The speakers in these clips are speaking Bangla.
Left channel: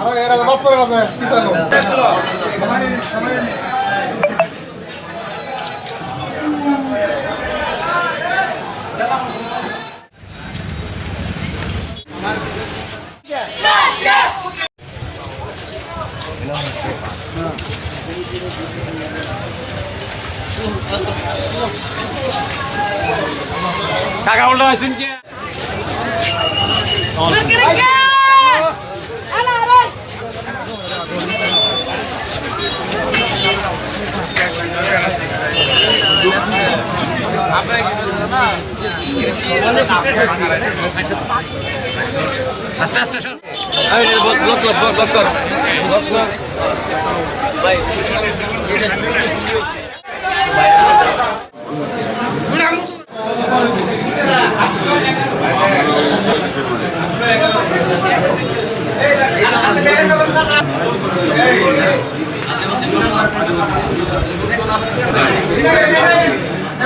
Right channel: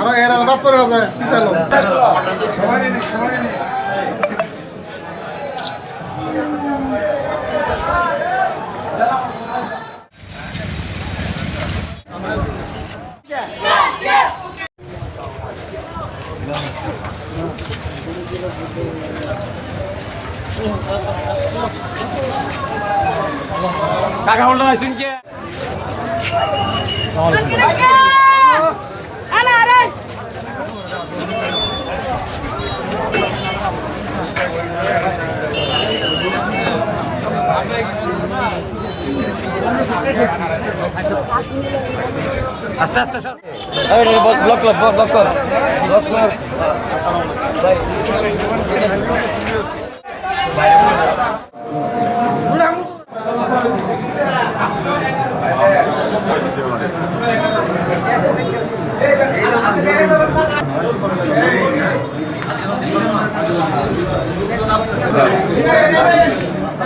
আমাকে এরা বাদ করে আছে পিছালো সবাই সবাই টাকা কে? আস্তে আস্তে ব্লক ব্লক ব্লক ব্লক কর ব্লক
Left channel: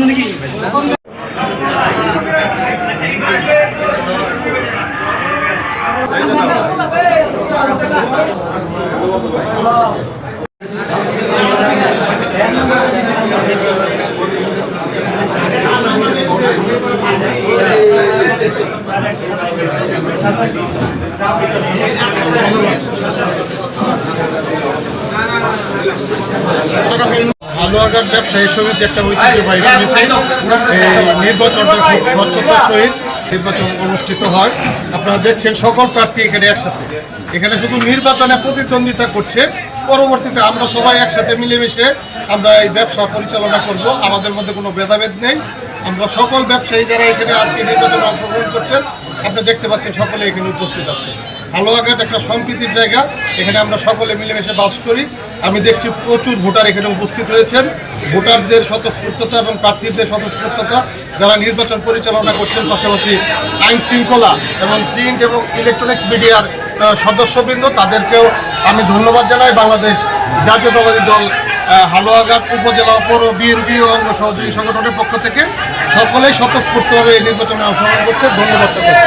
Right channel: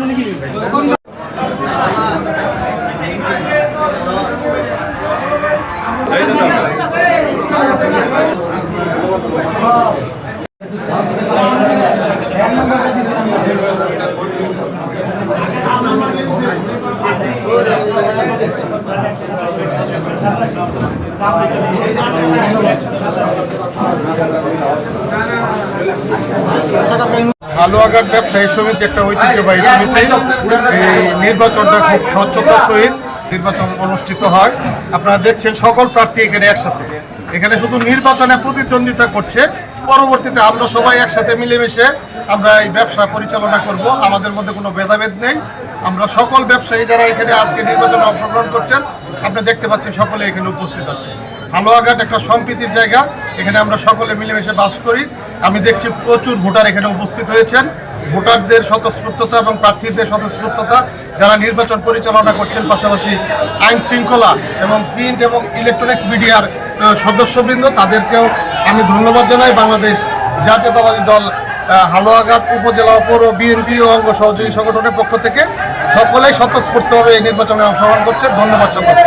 নাকি? হালুয়াঘাট ব্যবসায়ী সমিতি একটা ঐতিহ্যবাহী সমিতি। এই নির্বাচনটা খুব স্বচ্ছতার সহিত নির্বাচন অনুষ্ঠিত হয়। আপনারা দেখছেন সকল প্রার্থী এখানে একসাথে। এখানে শুধু নির্বাচনে প্রতিদ্বন্দ্বিতা করছে, পরবর্তীতে আমরা সবাই একসাথে মিলেমিশে আমরা এই ব্যবসা পরিচালনা করব। আমাদের মধ্যে কোনো ভেদাভেদ নেই। আমরা সকল ব্যবসায়ী যারা এখানে আজকে নির্বাচনে অংশগ্রহণ করছেন, আপনি দেখতে পাচ্ছেন সকলে এখানে উপস্থিত আছে। হালুয়াঘাট একটা সম্প্রীতির জায়গা। এখানে আমরা সকলে মিলেমিশে বাস করি। আমি দেখছি প্রচুর ভোটার এখানে উপস্থিত হয়েছেন। ভোটারদের স্বতঃস্ফূর্ততা এবং প্রার্থীদের স্বতঃস্ফূর্ততা যারা নির্বাচন পরিচালনা করছেন, পাশাপাশি আইন শৃঙ্খলা এবং প্রিন্ট এবং ইলেকট্রনিক্স মিডিয়ার সদস্যবৃন্দ, তাদেরকেও আমি ধন্যবাদ জানাই। বাংলাদেশ জাতীয়তাবাদী দল হালুয়াঘাট উপজেলা পৌর বিএনপি ও অঙ্গ সহযোগী সংগঠনের পক্ষ থেকে সকলেই স্বতঃস্ফূর্তভাবে এই নির্বাচনে অংশগ্রহণ করছে। ধন্যবাদ সকলকে।